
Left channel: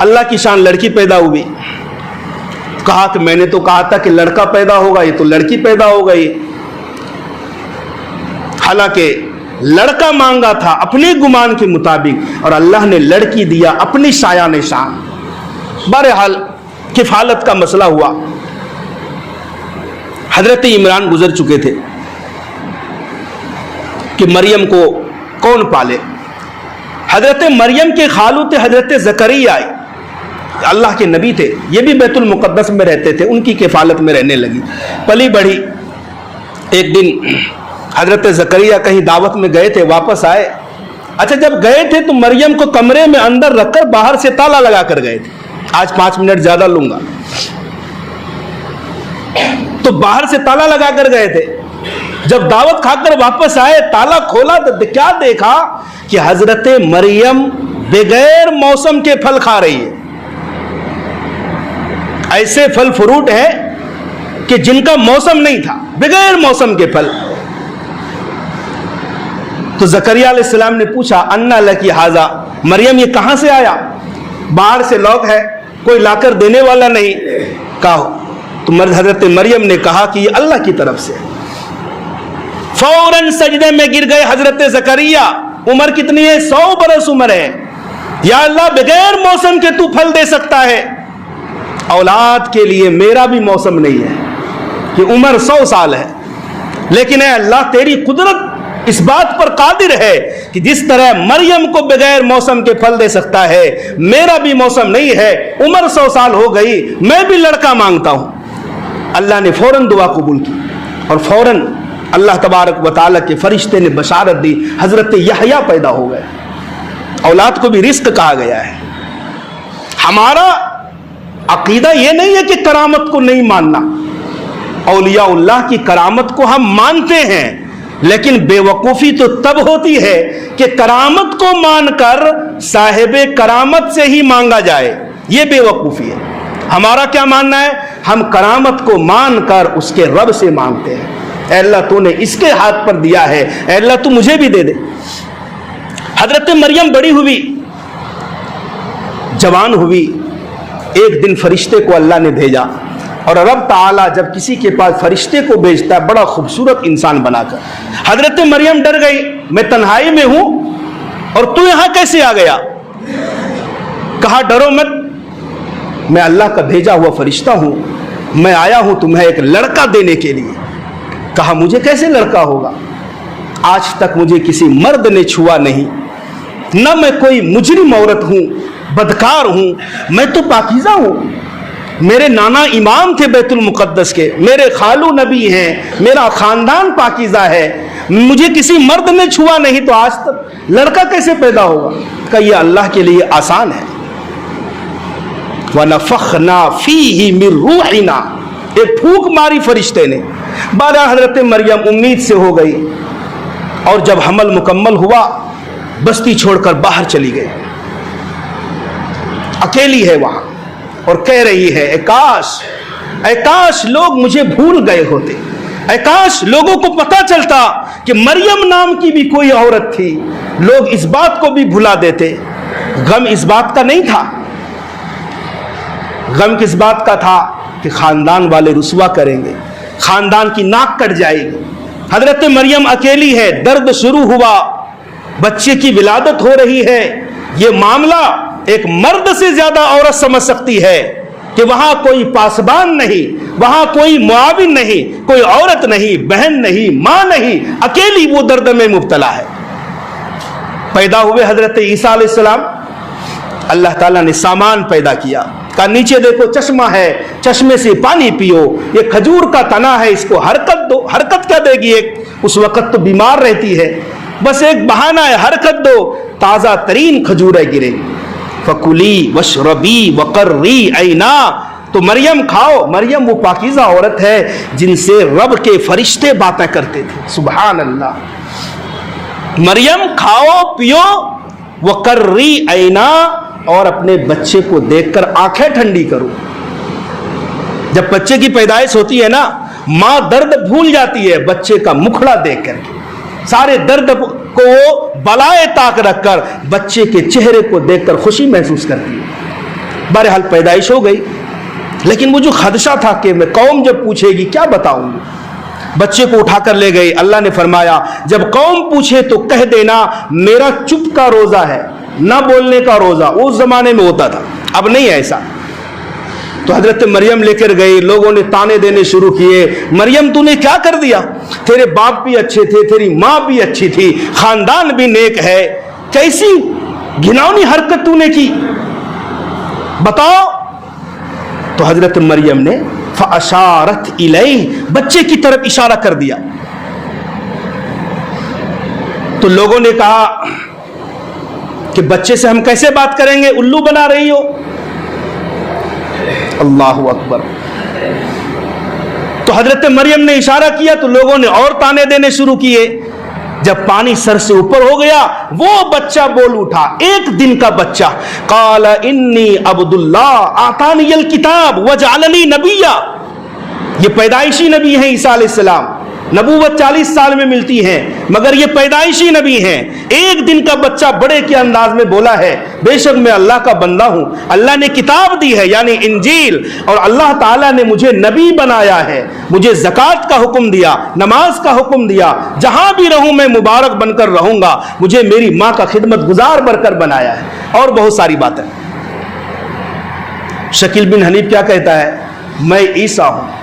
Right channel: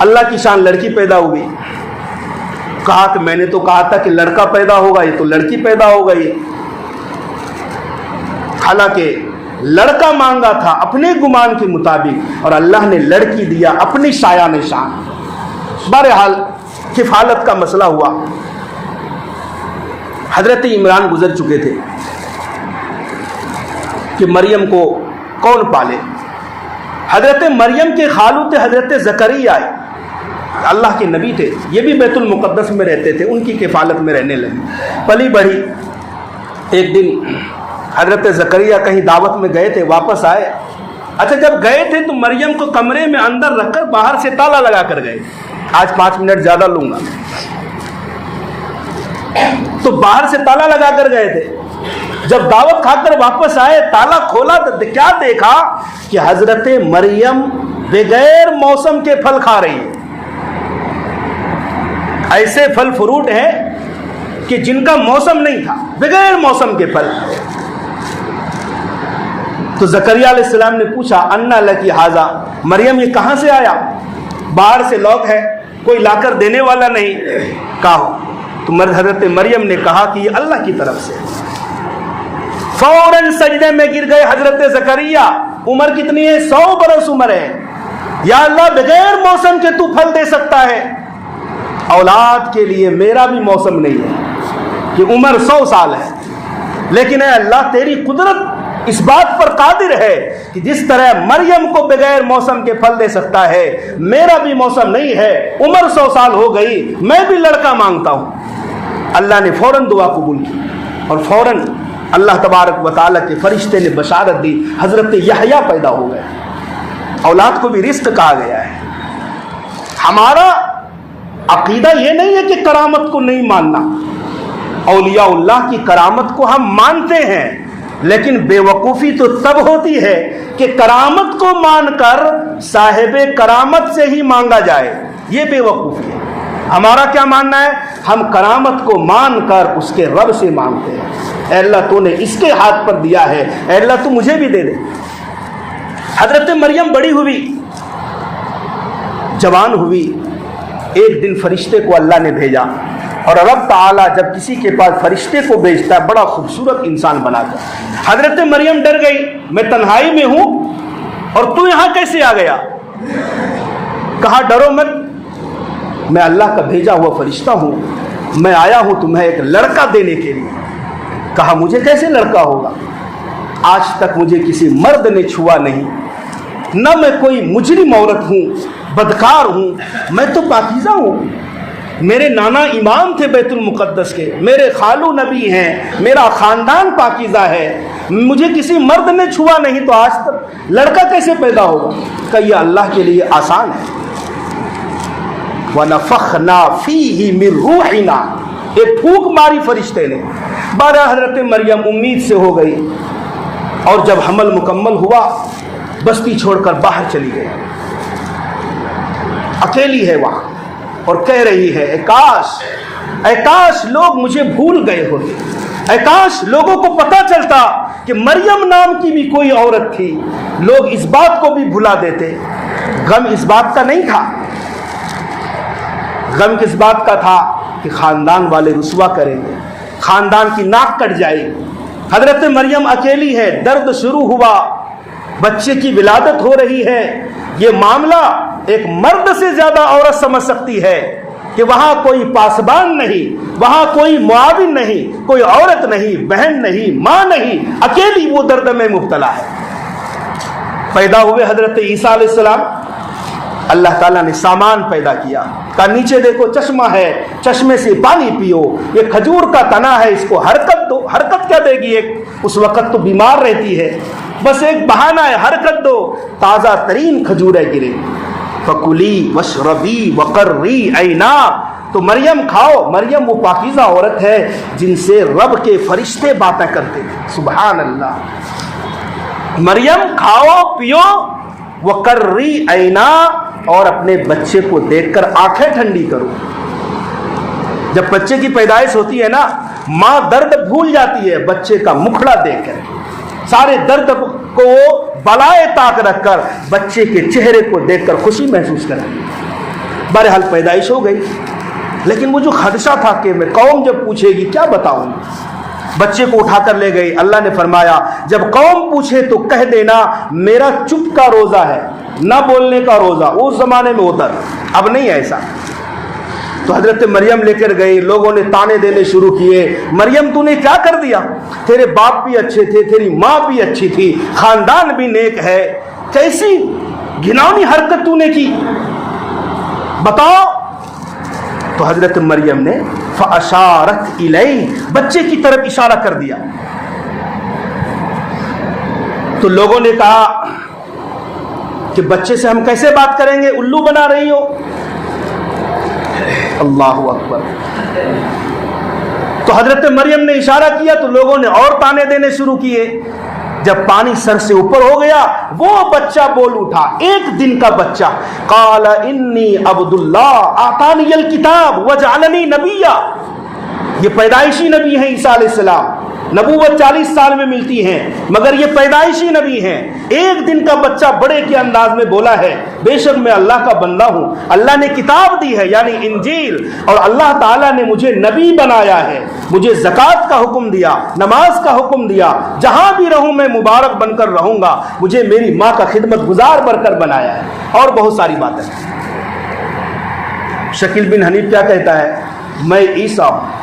اللہ کی شان لڑکی پیدا ہوئی، کہا کہ میں نے تو کہا تھا کہ لڑکا پیدا ہوگا، یہ تو لڑکی پیدا ہو گئی۔ حالانکہ لڑکا مانگا تھا اپنے گمان کے مطابق، اور اللہ نے لڑکی دیا اپنی شایان شان۔ بہرحال کفالت کا مسئلہ ہوا، حضرت عمران گزر چکے تھے کہ مریم کو کون پالے۔ حضرت مریم کے خالو تھے حضرت زکریا، اللہ کے نبی تھے، یہ بھی بیت المقدس میں رہتے تھے، ان کی کفالت میں رہنے لگی، پلی بڑھی۔ ایک دن حضرت زکریا کہیں دعوت میں گئے تھے، واپس آئے۔ اچھا جب گئے تھے تو مریم کو کمرے میں اندر رکھ کر باہر سے تالا لگا کر گئے تھے۔ آج 5 منٹ زیادہ لوں گا۔ تو باہر سے تالا لگا کر گئے تھے، جب دعوت کھا کر واپس آئے تالا کھولا تو کیا دیکھا کہ حضرت مریم بغیر موسم کے پھل کھا رہی ہے۔ ایسے پھل فروٹ ہیں کہ جن کا موسم نہیں تھا، بغیر موسم کے پھل۔ تو زکریا علیہ السلام نے پوچھا انا لکی ھذا، مریم یہ کہاں سے آیا؟ باہر سے لوگ ہے، کوئی لا کر دینے والا نہیں۔ کہا تو حضرت مریم نے کہا کہ یہ اللہ کی طرف سے۔ فوراً سجدے میں گر گئے حضرت زکریا۔ عمر کتنی ہے؟ 100 برس عمر ہے۔ یا اللہ بغیر موسم کے تو پھل دے سکتا ہے، اولاد کے لیے میرا بھی موسم نہیں ہے، کہ عمر 100 سال ہے، لیکن اے اللہ تیری قدرت اس بات پر قادر ہے کہ جس طرح مریم کو بغیر موسم کے پھل دے سکتا ہے، میرا بھی موسم نہیں ہے، عمر 100 سال ہو گئی، میں بھی لڑکا مانگتا ہوں۔ اللہ نے فوراً دعا قبول کی، اور فوراً اللہ تبارک و تعالیٰ کے فرشتے نے بشارت دی، حضرت یحییٰ پیدا ہو گئے۔ اولاد کو بھی رزق کہا گیا ہے۔ ہمارا عقیدہ یہ نہیں ہے کہ کرامت کو نہیں ماننا، اولیاء اللہ کی کرامت کو ہم مانتے ہیں، لیکن بے وقوفی تو تب ہوتی ہے کہ کرامت کو مان کر صاحب کرامت سے ہی مانگا جائے، یہ بے وقوفی ہے۔ ہمارا کیا ماننا ہے؟ ہم کرامت کو مان کر اس کے رب سے مانگتے ہیں، اے اللہ تو نے اس کے ہاتھ پر دیا ہے، اے اللہ تو مجھے بھی دے دے۔ حضرت مریم بڑی ہوئی، جوان ہوئی، ایک دن فرشتے کو اللہ نے بھیجا، اور رب تعالیٰ جب کسی کے پاس فرشتے کو بھیجتا ہے بڑا خوبصورت انسان بنا کر۔ حضرت مریم ڈر گئی، میں تنہائی میں ہوں، اور تو یہاں کیسے آ گیا؟ کہا ڈرو مت، میں اللہ کا بھیجا ہوا فرشتہ ہوں، میں آیا ہوں تمہیں ایک لڑکا دینے کے لیے۔ کہا مجھے کیسے لڑکا ہوگا؟ آج تک مجھے کسی مرد نے چھوا نہیں، نہ میں کوئی مجرم عورت ہوں، بدکار ہوں، میں تو پاکیزہ ہوں۔ میرے نانا امام تھے بیت المقدس کے، میرے خالو نبی ہیں، میرا خاندان پاکیزہ ہے، مجھے کسی مرد نے چھوا نہیں، تو آج تک لڑکا کیسے پیدا ہوگا؟ کہ یہ اللہ کے لیے آسان ہے۔ وَنَفَخْنَا فِيهِ مِن رُوحِنَا، ایک پھونک ماری فرشتے نے۔ بارہ حضرت مریم امید سے ہو گئی، اور جب حمل مکمل ہوا بستی چھوڑ کر باہر چلی گئی، اکیلی ہے وہاں، اور کہہ رہی ہے اے کاش لوگ مجھے بھول گئے ہوتے، اے کاش لوگوں کو پتہ چلتا کہ مریم نام کی بھی کوئی عورت تھی، لوگ اس بات کو بھی بھلا دیتے۔ غم اس بات کا نہیں تھا، غم کس بات کا تھا کہ خاندان والے رسوا کریں گے، خاندان کی ناک کٹ جائے گی۔ حضرت مریم اکیلی ہے، درد شروع ہوا، بچے کی ولادت ہو رہی ہے۔ یہ معاملہ ایک مرد سے زیادہ عورت سمجھ سکتی ہے کہ وہاں کوئی پاسبان نہیں، وہاں کوئی معاون نہیں، کوئی عورت نہیں، بہن نہیں، ماں نہیں، اکیلی وہ درد میں مبتلا ہے۔ پیدا ہوئے حضرت عیسیٰ علیہ السلام، اللہ تعالیٰ نے سامان پیدا کیا، کہا نیچے دیکھو چشمہ ہے، چشمے سے پانی پیو، یہ کھجور کا تنا ہے، اس کو حرکت دو۔ حرکت کیا دے گی؟ ایک اس وقت تو بیمار رہتی ہے، بس ایک بہانہ ہے، حرکت دو، تازہ ترین کھجوریں گرے۔ فَكُلِي وَاشْرَبِي وَقَرِّي عَيْنَا، تو مریم کھاؤ۔ مریم وہ پاکیزہ عورت ہے جن سے رب کے فرشتے باتیں کرتے تھے، سبحان اللہ۔ مریم کھاؤ پیو، وَقَرِّي عَيْنَا، اور اپنے بچے کو دیکھ کر آنکھیں ٹھنڈی کرو۔ جب بچے کی پیدائش ہوتی ہے نا، ماں درد بھول جاتی ہے بچے کا مکھڑا دیکھ کر، سارے درد کو بالائے طاق رکھ کر بچے کے چہرے کو دیکھ کر خوشی محسوس کرتی ہے۔ بہرحال پیدائش ہو گئی، لیکن وہ جو خدشہ تھا کہ میں قوم جب پوچھے گی کیا بتاؤں گی، بچے کو اٹھا کر لے گئی۔ اللہ نے فرمایا جب قوم پوچھے تو کہہ دینا میرا چپ کا روزہ ہے، نہ بولنے کا روزہ۔ اس زمانے میں ہوتا تھا، اب نہیں ایسا۔ تو حضرت مریم لے کر گئی، لوگوں نے تانے دینے شروع کیے، مریم تو نے کیا کر دیا؟ تیرے باپ بھی اچھے تھے، تیری ماں بھی اچھی تھی، خاندان بھی نیک ہے، کیسی گھناؤنی حرکت تو نے کی، بتاؤ۔ تو حضرت مریم نے فَأَشَارَتْ إِلَيْهِ، بچے کی طرف اشارہ کر دیا۔ تو لوگوں نے کہا کہ بچے سے ہم کیسے بات کریں گے، الو بنا رہی ہو۔ اللہ اکبر۔ تو حضرت مریم نے اشارہ کیا تو لوگوں نے اور تانے دینے شروع کیے۔ جب پانی سر سے اوپر ہو گیا وہ بچہ بول اٹھا، ایک دن کا بچہ، قال انی عبد اللہ آتانی الکتاب وجعلنی نبیا۔ یہ پیدائشی نبی ہیں عیسیٰ علیہ السلام، نبوت 40 سال میں ملتی ہے مگر یہ پیدائشی نبی ہیں۔ ایک دن کا بچہ بڑے کے انداز میں بولا ہے بے شک میں اللہ کا بندہ ہوں، اللہ نے کتاب دی ہے یعنی انجیل، اور اللہ تعالیٰ نے مجھے نبی بنایا ہے، مجھے زکوٰۃ کا حکم دیا، نماز کا حکم دیا، جہاں بھی رہوں میں مبارک بن کر رہوں گا، مجھے میری ماں کا خدمت گزار بن کر بنایا ہے، اور بہت ساری باتیں۔ شکیل بن حنیف کیا کہتا ہے؟ میں عیسیٰ ہوں،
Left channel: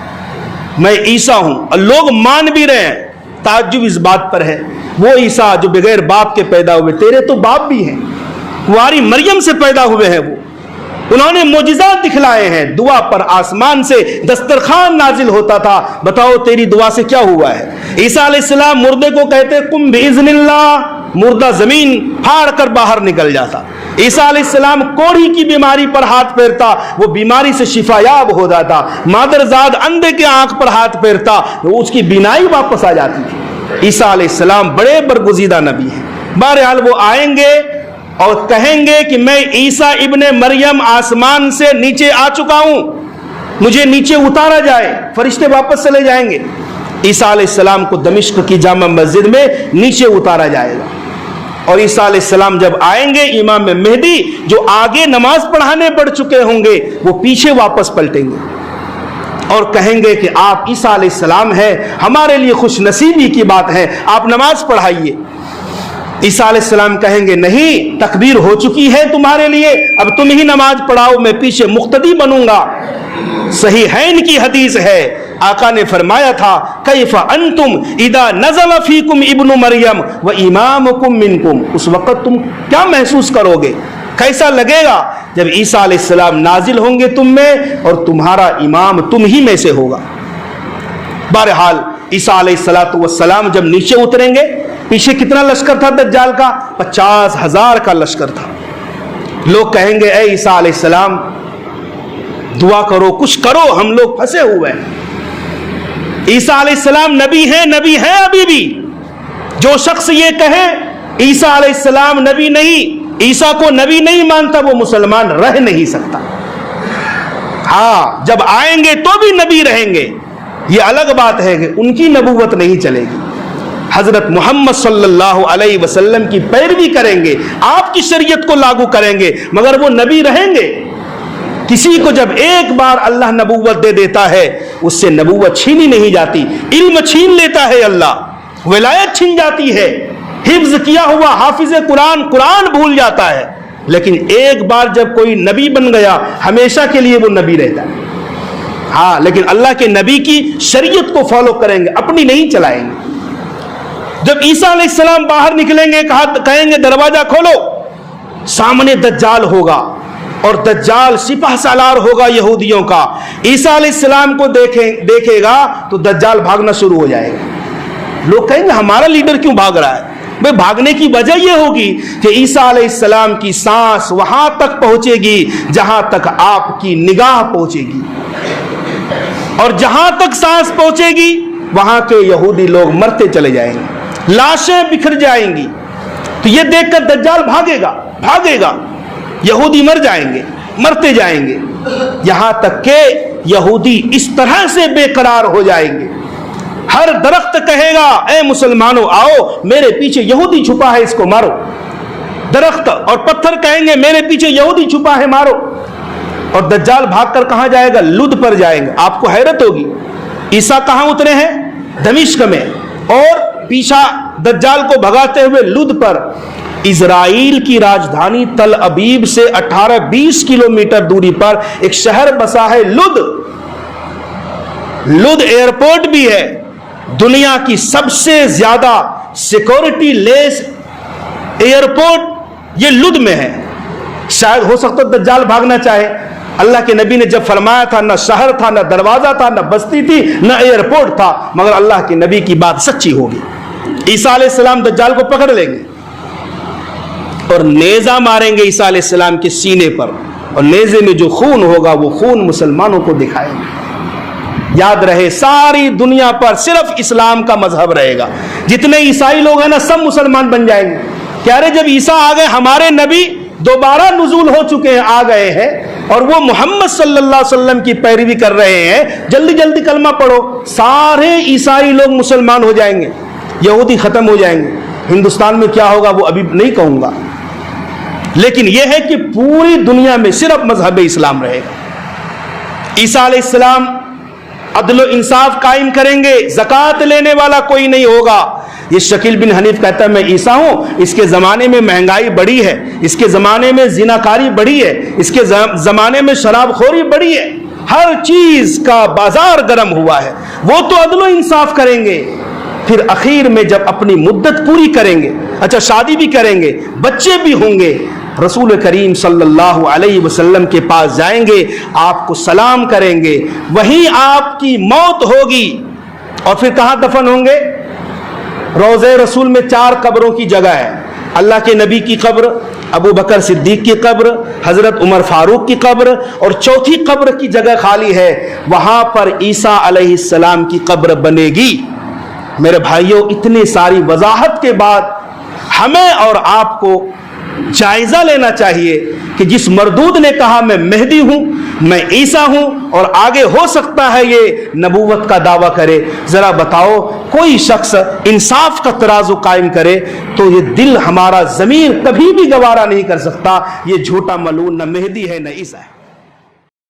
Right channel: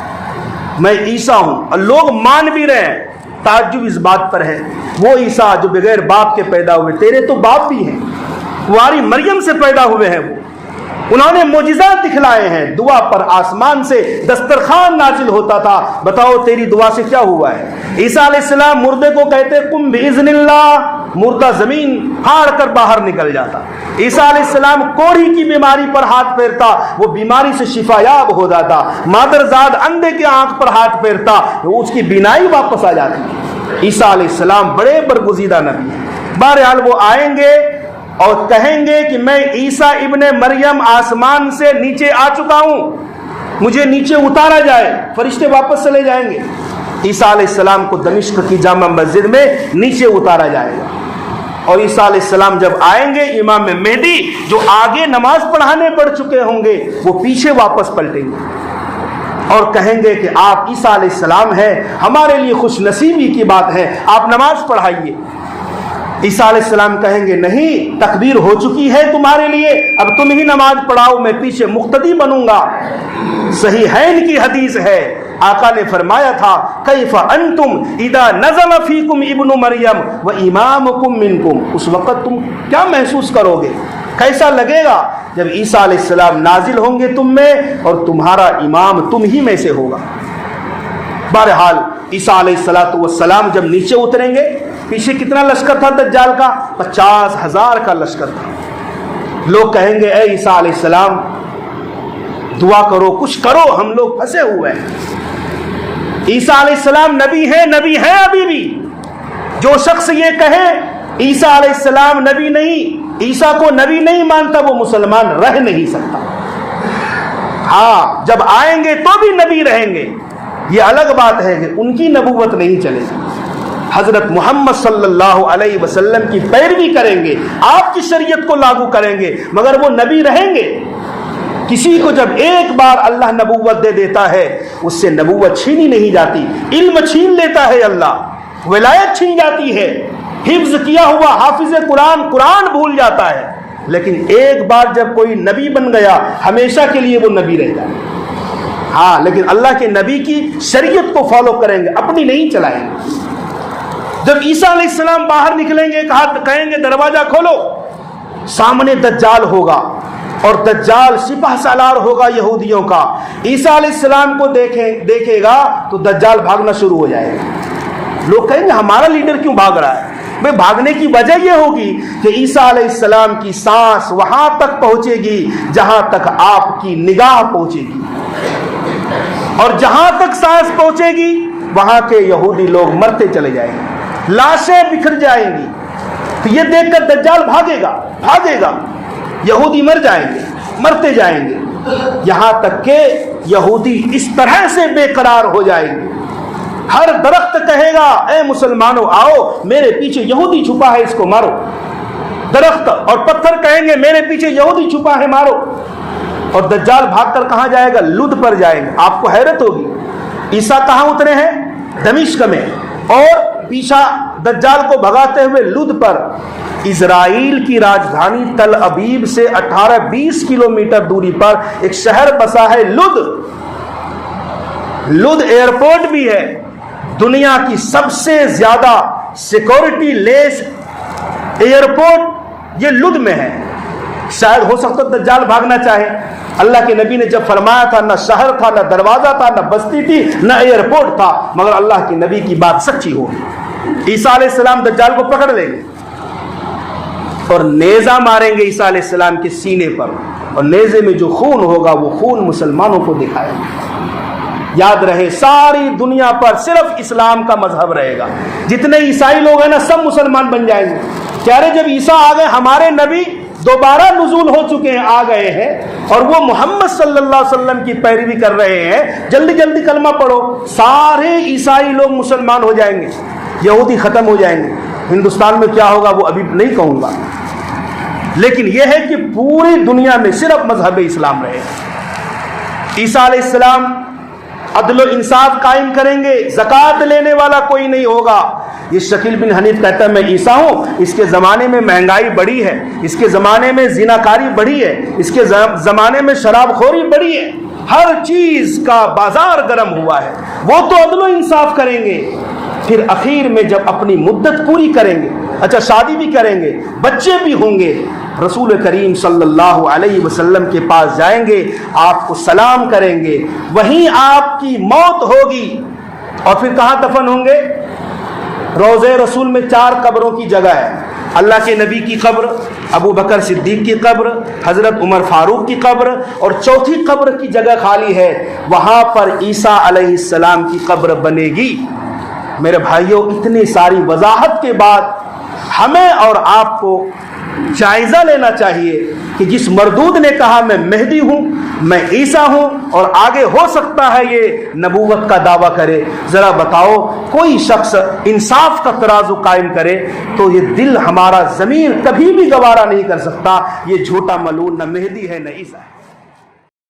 میں عیسیٰ ہوں، اور لوگ مان بھی رہے ہیں۔ تعجب اس بات پر ہے وہ عیسیٰ جو بغیر باپ کے پیدا ہوئے، تیرے تو باپ بھی ہیں، کنواری مریم سے پیدا ہوئے ہیں، وہ انہوں نے معجزات دکھلائے ہیں، دعا پر آسمان سے دسترخوان نازل ہوتا تھا، بتاؤ تیری دعا سے کیا ہوا ہے؟ عیسیٰ علیہ السلام مردے کو کہتے قم بإذن اللہ، مردہ زمین پھاڑ کر باہر نکل جاتا۔ عیسیٰ علیہ السلام کوڑھی کی بیماری پر ہاتھ پھیرتا، وہ بیماری سے شفا یاب ہو جاتا۔ مادرزاد اندھے کے آنکھ پر ہاتھ پھیرتا، وہ اس کی بینائی واپس آ جاتی تھی۔ عیسیٰ علیہ السلام بڑے برگزیدہ نبی ہیں۔ بہرحال وہ آئیں گے اور کہیں گے کہ میں عیسیٰ ابن مریم آسمان سے نیچے آ چکا ہوں، مجھے نیچے اتارا جائے، فرشتے واپس چلے جائیں گے۔ عیسیٰ علیہ السلام کو دمشق کی جامع مسجد میں نیچے اتارا جائے گا، اور عیسیٰ علیہ السلام جب آئیں گے امام مہدی جو آگے نماز پڑھانے پڑ چکے ہوں گے وہ پیچھے واپس پلٹیں گے اور کہیں گے کہ آپ عیسیٰ علیہ السلام ہیں، ہمارے لیے خوش نصیبی کی بات ہے، آپ نماز پڑھائیے۔ عیسیٰ علیہ السلام کہیں گے نہیں، تکبیر ہو چکی ہے تمہارے لیے، اب تم ہی نماز پڑھاؤ، میں پیچھے مقتدی بنوں گا۔ صحیحین کی حدیث ہے، آقا نے فرمایا تھا کیف انتم اذا نزل فیکم ابن مریم و امامکم منکم، اس وقت تم کیا محسوس کرو گے، کیسا لگے گا جب عیسیٰ علیہ السلام نازل ہوں گے تم میں اور تمہارا امام تم ہی میں سے ہوگا۔ بہرحال عیسیٰ علیہ السلام جب نیچے اتریں گے، پیچھے کتنا لشکر تھا دجال کا؟ 50,000 کا لشکر تھا۔ لوگ کہیں گے اے عیسیٰ علیہ السلام دعا کرو، کچھ کرو، ہم لوگ پھنسے ہوئے ہیں۔ عیسیٰ علیہ السلام نبی ہیں ابھی بھی۔ جو شخص یہ کہے عیسیٰ علیہ السلام نبی نہیں، عیسیٰ کو نبی نہیں مانتا، وہ مسلمان رہ نہیں سکتا۔ ہاں، جب آئیں گے تو بھی نبی رہیں گے، یہ الگ بات ہے کہ ان کی نبوت نہیں چلے گی۔ حضرت محمد صلی اللہ علیہ وسلم کی پیروی کریں گے، آپ کی شریعت کو لاگو کریں گے، مگر وہ نبی رہیں گے۔ کسی کو جب ایک بار اللہ نبوت دے دیتا ہے، اس سے نبوت چھینی نہیں جاتی، علم چھین لیتا ہے اللہ، ولایت چھین جاتی ہے، حفظ کیا ہوا حافظ قرآن بھول جاتا ہے، لیکن ایک بار جب کوئی نبی بن گیا ہمیشہ کے لیے وہ نبی رہتا ہے۔ ہاں، لیکن اللہ کے نبی کی شریعت کو فالو کریں گے، اپنی نہیں چلائیں گے۔ جب عیسیٰ علیہ السلام باہر نکلیں گے، کہیں گے دروازہ کھولو، سامنے دجال ہوگا اور دجال سپہ سالار ہوگا یہودیوں کا۔ عیسیٰ علیہ السلام کو دیکھے گا تو دجال بھاگنا شروع ہو جائے گا۔ لوگ کہیں گے ہمارا لیڈر کیوں بھاگ رہا ہے؟ بھائی بھاگنے کی وجہ یہ ہوگی کہ عیسیٰ علیہ السلام کی سانس وہاں تک پہنچے گی جہاں تک آپ کی نگاہ پہنچے گی، اور جہاں تک سانس پہنچے گی وہاں کے یہودی لوگ مرتے چلے جائیں گے، لاشیں بکھر جائیں گی۔ تو یہ دیکھ کر دجال بھاگے گا، یہودی مر جائیں گے، مرتے جائیں گے، یہاں تک کہ یہودی اس طرح سے بے قرار ہو جائیں گے۔ ہر درخت کہے گا اے مسلمانوں آؤ، میرے پیچھے یہودی چھپا ہے، اس کو مارو۔ درخت اور پتھر کہیں گے میرے پیچھے یہودی چھپا ہے، مارو۔ اور دجال بھاگ کر کہاں جائے گا؟ لد پر جائیں گے۔ آپ کو حیرت ہوگی عیسیٰ کہاں اترے ہیں؟ دمشق میں، اور پیچھا دجال کو بھگاتے ہوئے لد پر، اسرائیل کی راجدھانی تل ابیب سے 18-20 کلومیٹر دوری پر ایک شہر بسا ہے لد۔ لد ایئرپورٹ بھی ہے، دنیا کی سب سے زیادہ سیکورٹی لیس ایئرپورٹ یہ لد میں ہے۔ شاید ہو سکتا دجال بھاگنا چاہے، اللہ کے نبی نے جب فرمایا تھا نہ شہر تھا، نہ دروازہ تھا، نہ بستی تھی، نہ ایئرپورٹ تھا، مگر اللہ کے نبی کی بات سچی ہوگی۔ عیسیٰ علیہ السلام دجال کو پکڑ لیں گے اور نیزہ ماریں گے عیسیٰ علیہ السلام کے سینے پر، اور نیزے میں جو خون ہوگا وہ خون مسلمانوں کو دکھائیں گے۔ یاد رہے ساری دنیا پر صرف اسلام کا مذہب رہے گا، جتنے عیسائی لوگ ہیں نا سب مسلمان بن جائیں گے۔ کہہ رہے جب عیسیٰ آ گئے، ہمارے نبی دوبارہ نزول ہو چکے ہیں، آ گئے ہیں، اور وہ محمد صلی اللہ علیہ وسلم کی پیروی کر رہے ہیں، جلدی جلدی کلمہ پڑھو، سارے عیسائی لوگ مسلمان ہو جائیں گے، یہودی ختم ہو جائیں گے۔ ہندوستان میں کیا ہوگا وہ ابھی نہیں کہوں گا، لیکن یہ ہے کہ پوری دنیا میں صرف مذہب اسلام رہے گا۔ عیسیٰ علیہ السلام عدل و انصاف قائم کریں گے، زکوٰۃ لینے والا کوئی نہیں ہوگا۔ یہ شکیل بن حنیف کہتا ہے میں عیسیٰ ہوں، اس کے زمانے میں مہنگائی بڑی ہے، اس کے زمانے میں زناکاری بڑی ہے، اس کے زمانے میں شراب خوری بڑی ہے، ہر چیز کا بازار گرم ہوا ہے۔ وہ تو عدل و انصاف کریں گے، پھر اخیر میں جب اپنی مدت پوری کریں گے، اچھا شادی بھی کریں گے، بچے بھی ہوں گے، رسول کریم صلی اللہ علیہ وسلم کے پاس جائیں گے، آپ کو سلام کریں گے، وہیں آپ کی موت ہوگی، اور پھر کہاں دفن ہوں گے؟ روضہ رسول میں 4 قبروں کی جگہ ہے، اللہ کے نبی کی قبر، ابو بکر صدیق کی قبر، حضرت عمر فاروق کی قبر، اور چوتھی قبر کی جگہ خالی ہے، وہاں پر عیسیٰ علیہ السلام کی قبر بنے گی۔ میرے بھائیوں، اتنی ساری وضاحت کے بعد ہمیں اور آپ کو جائزہ لینا چاہیے کہ جس مردود نے کہا میں مہدی ہوں، میں عیسیٰ ہوں، اور آگے ہو سکتا ہے یہ نبوت کا دعویٰ کرے، ذرا بتاؤ کوئی شخص انصاف کا ترازو قائم کرے تو یہ دل ہمارا ضمیر کبھی بھی گوارا نہیں کر سکتا، یہ جھوٹا ملعون نہ مہدی ہے نہ عیسیٰ ہے۔